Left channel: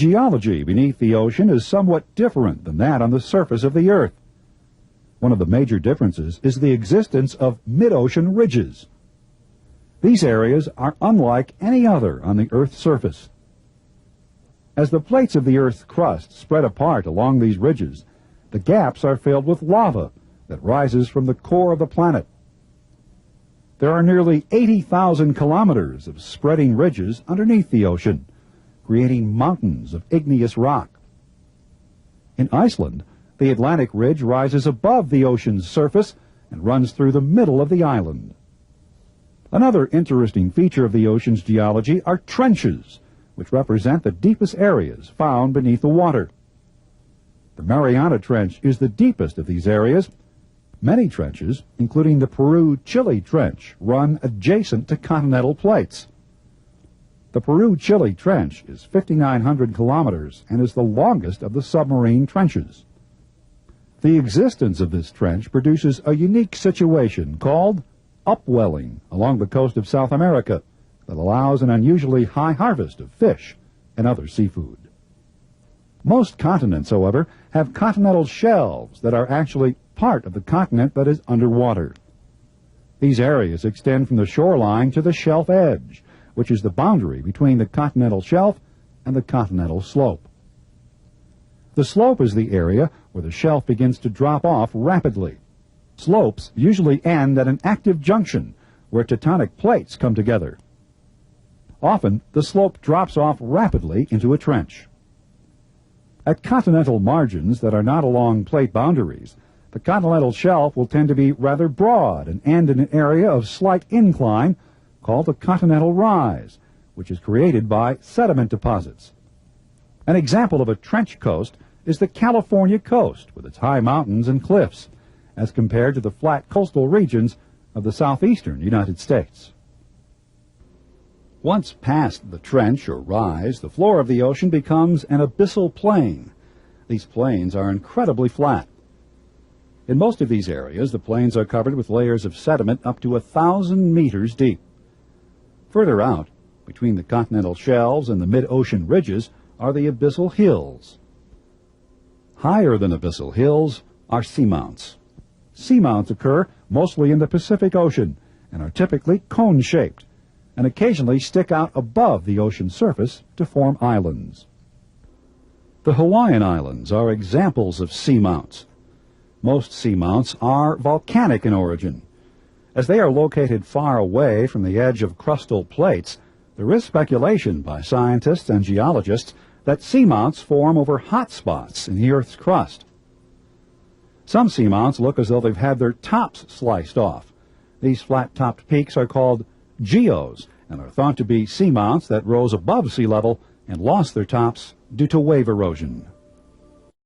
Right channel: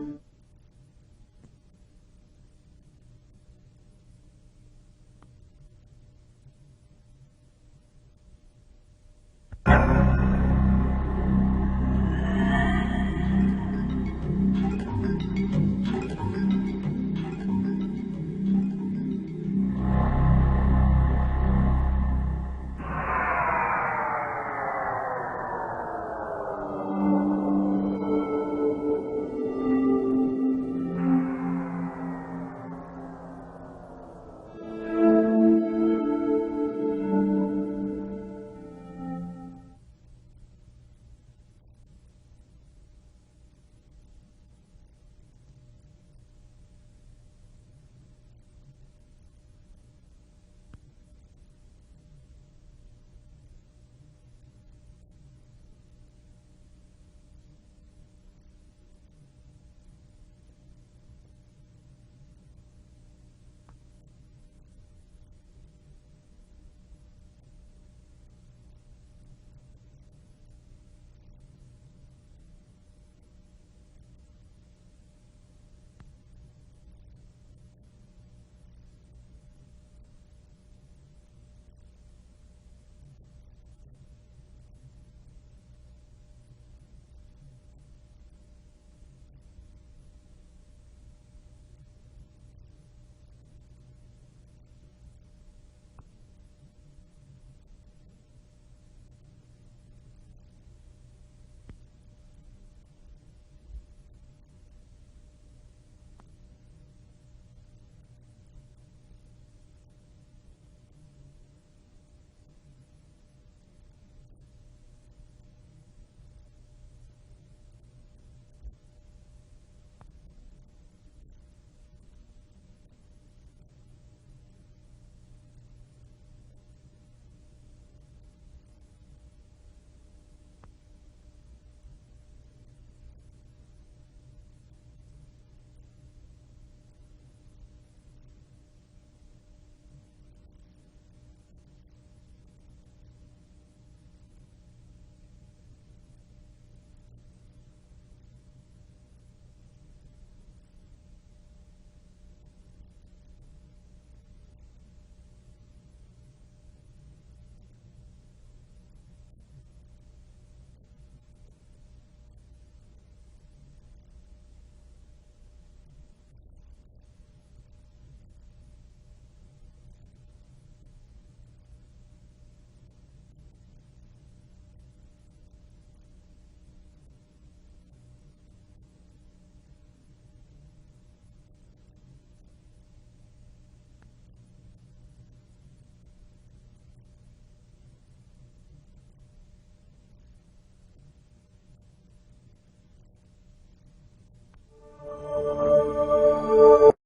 geology beneath the ocean is somewhat different than that on the surface of the Earth. One of the major differences is the existence of mid-ocean ridges. These areas are unlike any other on the Earth's surface. As the plates of the Earth's crust spread apart along these ridges, the gaps are filled with lava that rises from the core of the planet. There are nearly 80,000 kilometers of spreading ridges underneath the ocean, creating mountains of igneous rock. In Iceland, the Atlantic Ridge rises above the ocean's surface and runs through the middle of the island. Another interesting feature of the ocean's geology are trenches, which represent the deepest areas found beneath the water. The Mariana Trench is the deepest of these areas. Many trenches, including the Peru-Chile Trench, run adjacent to continental plates. The Peru-Chile Trench is 5,900 kilometers and is the longest of the submarine trenches. The existence of this trench produces a unique situation called upwelling along the coast of South America that allows an unusually high harvest of fish and other seafood. Most continents, however, have continental shelves that are actually part of the continent that is underwater. These areas extend from the shoreline to the shelf edge, which is the boundary between the continental shelf and the continental slope. The slope is the area where the shelf begins to drop off rapidly. Slopes usually end at an active junction where tectonic plates come together. Often, the slope drops off rapidly into a trench. At continental margins that are not along plate boundaries, the continental shelf will tend to be rather broad and end in an area of slight incline called a continental rise, which is created by sediment deposits. An example of a trench coast is the California coast with its high mountains and cliffs, as compared to the flat coastal regions of the southeastern United States. Once past the trench or rise, the floor of the ocean becomes an abyssal plain. These plains are incredibly flat. In most of these areas, the plains are covered with layers of sediment up to 1,000 meters deep. Further out, between the continental shelves and the mid-ocean ridges, are the abyssal hills. Higher than abyssal hills are seamounts. Seamounts occur mostly in the Pacific Ocean and are typically cone-shaped and occasionally stick out above the ocean surface to form islands. The Hawaiian Islands are examples of seamounts. Most seamounts are volcanic in origin. As they are located far away from the edge of crustal plates, there is speculation by scientists and geologists that seamounts form over hot spots in the Earth's crust. Some seamounts look as though they've had their tops sliced off. These flat-topped peaks are called geos and are thought to be seamounts that rose above sea level and lost their tops due to wave erosion.